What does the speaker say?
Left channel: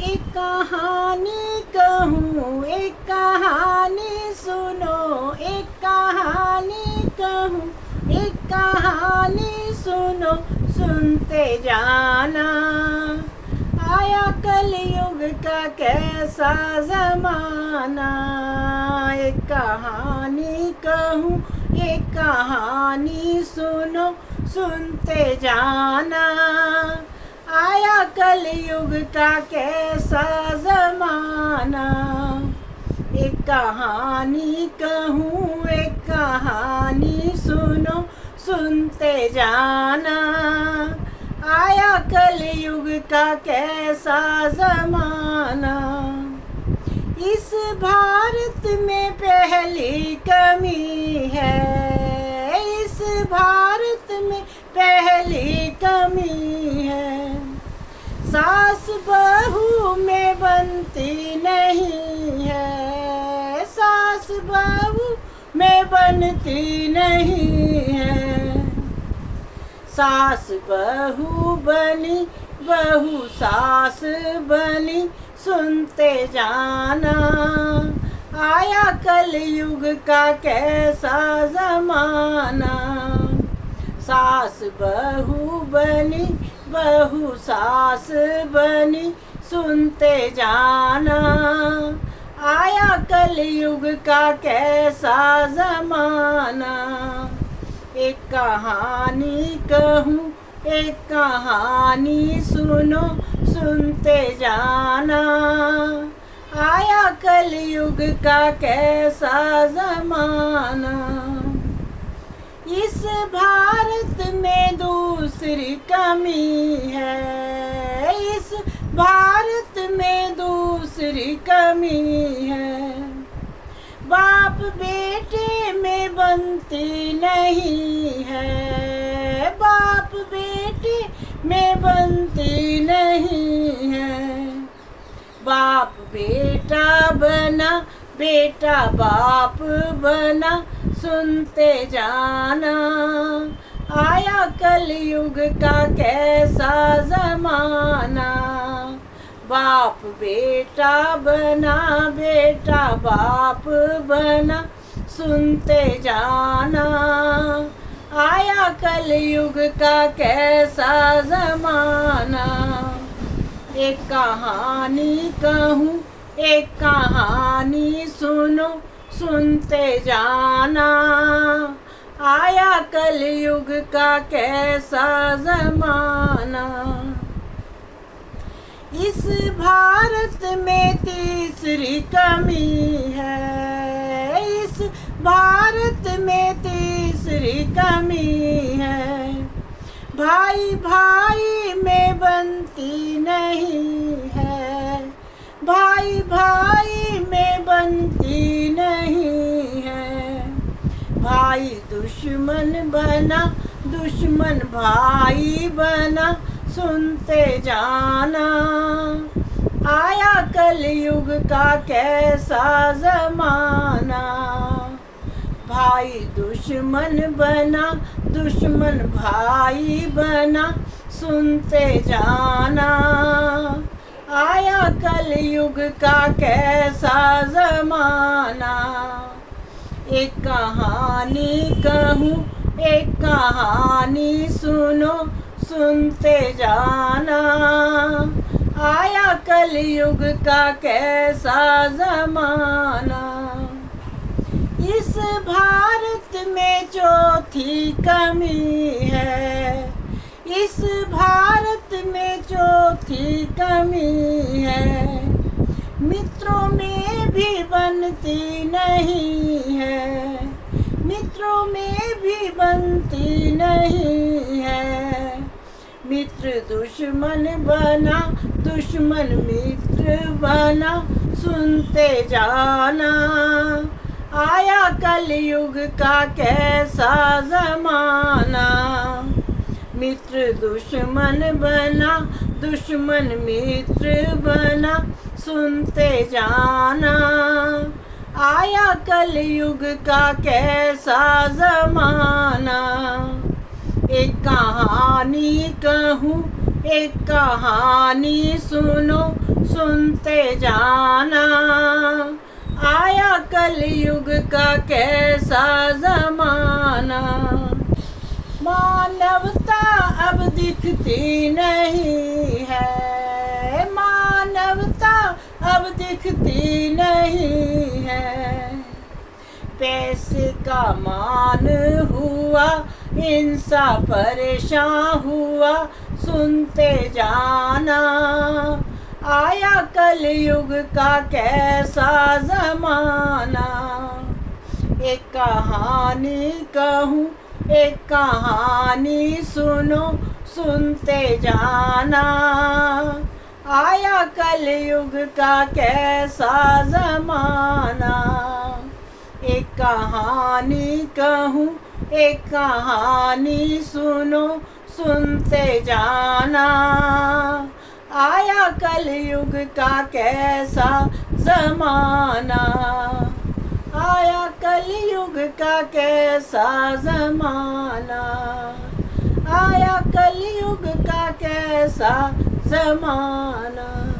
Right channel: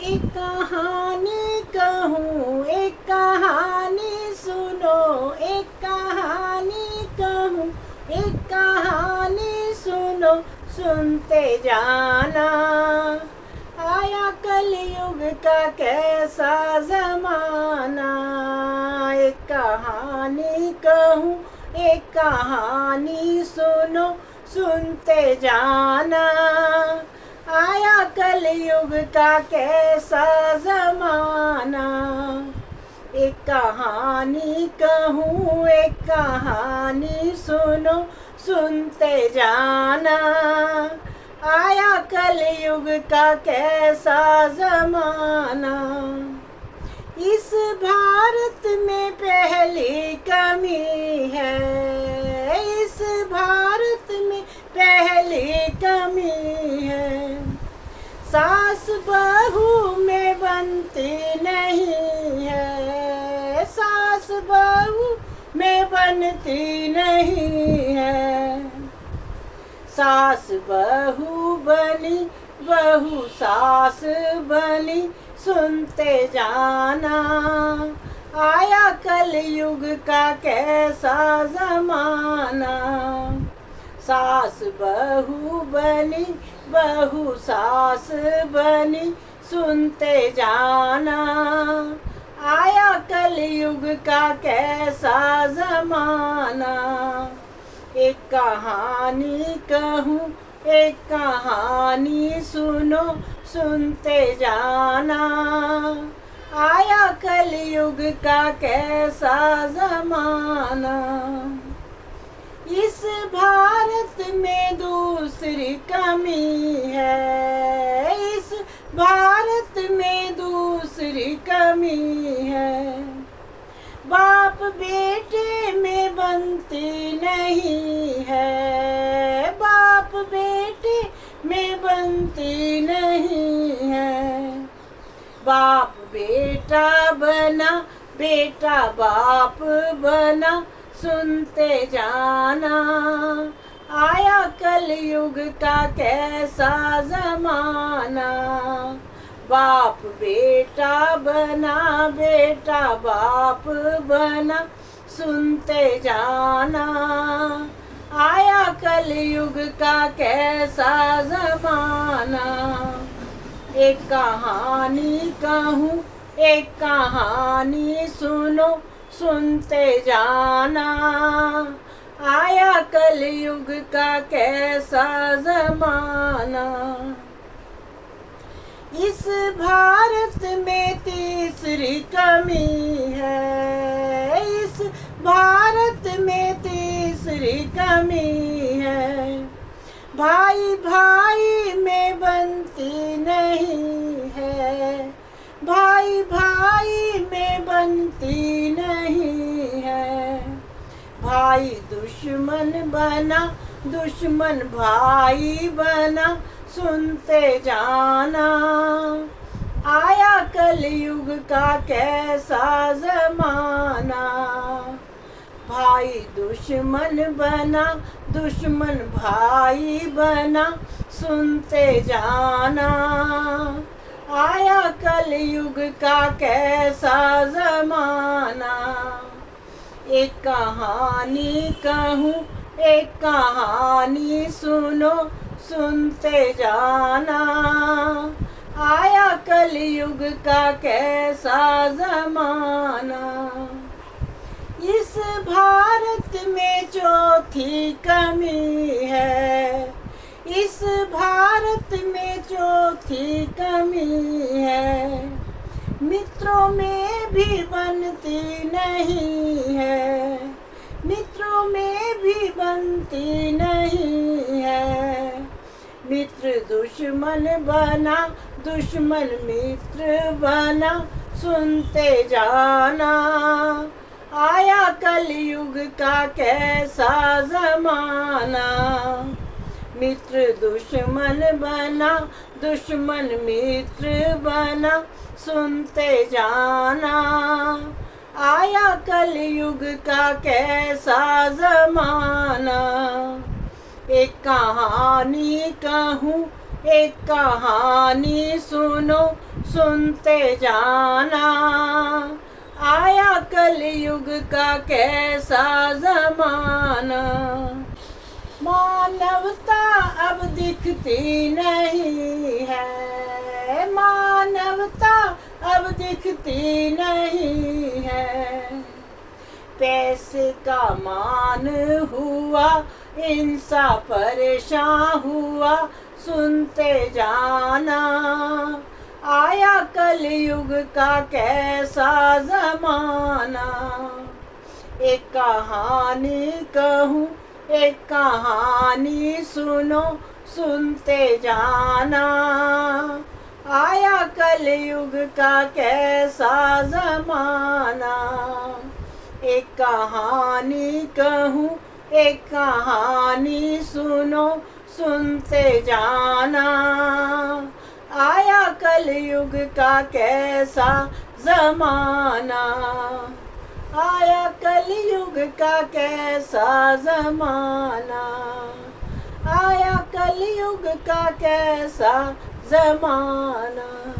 एक कहानी कहूँ, एक कहानी सुनो, एक कहानी कहूँ, एक कहानी सुनो, सुनते जाना। आया कलयुग का कैसा जमाना। एक कहानी कहूँ, एक कहानी सुनो, सुनते जाना। आया कलयुग का कैसा जमाना। एक कहानी कहूँ, एक कहानी सुनो, सुनते जाना। आया कलयुग का कैसा जमाना। इस भारत में पहली कमी है, इस भारत में पहली कमी है। सास बहू में बनती नहीं है, सास बहू में बनती नहीं है। सास बहू बनी, बहू सास बनी, सुनते जाना। आया कलयुग का कैसा जमाना। सास बहू बनी, बहू सास बनी, सुनते जाना। आया कलयुग का कैसा जमाना। एक कहानी कहूँ, एक कहानी सुनो, सुनते जाना। आया कलयुग का कैसा जमाना। इस भारत में दूसरी कमी है, इस भारत में दूसरी कमी है। बाप बेटे में बनती नहीं है, बाप बेटे में बनती नहीं है। बाप बेटा बना, बेटा बाप बना, सुनते जाना। आया कलयुग का कैसा जमाना। बाप बेटा बना, बेटा बाप बना, सुनते जाना। आया कलयुग का कैसा जमाना। एक कहानी कहूँ, एक कहानी सुनो, सुनते जाना। आया कलयुग का कैसा जमाना। इस भारत में तीसरी कमी है, इस भारत में तीसरी कमी है। भाई भाई में बनती नहीं है, भाई भाई में बनती नहीं है। भाई दुश्मन बना, दुश्मन भाई बना, सुनते जाना। आया कलयुग का कैसा जमाना। भाई दुश्मन बना, दुश्मन भाई बना, सुनते जाना। आया कलयुग का कैसा जमाना। एक कहानी कहूँ, एक कहानी सुनो, सुनते जाना। आया कलयुग का कैसा जमाना। इस भारत में चौथी कमी है, इस भारत में चौथी कमी है। मित्रों में भी बनती नहीं है, मित्रों में भी बनती नहीं है। मित्र दुश्मन बना, दुश्मन मित्र बना, सुनते जाना। आया कलयुग का कैसा जमाना। मित्र दुश्मन बना, दुश्मन मित्र बना, सुनते जाना। आया कलयुग का कैसा जमाना। एक कहानी कहूँ, एक कहानी सुनो, सुनते जाना। आया कलयुग का कैसा जमाना, मानवता अब दिखती नहीं है, मानवता अब दिखती नहीं है। पैसे का मान हुआ, इंसान परेशान हुआ, सुनते जाना। आया कलयुग का कैसा जमाना। एक कहानी कहूँ, एक कहानी सुनो, सुनते जाना। आया कलयुग का कैसा जमाना। एक कहानी कहूँ, एक कहानी सुनो, सुनते जाना। आया कलयुग का कैसा जमाना। आया कलयुग का कैसा जमाना। आया कलयुग का कैसा जमाना।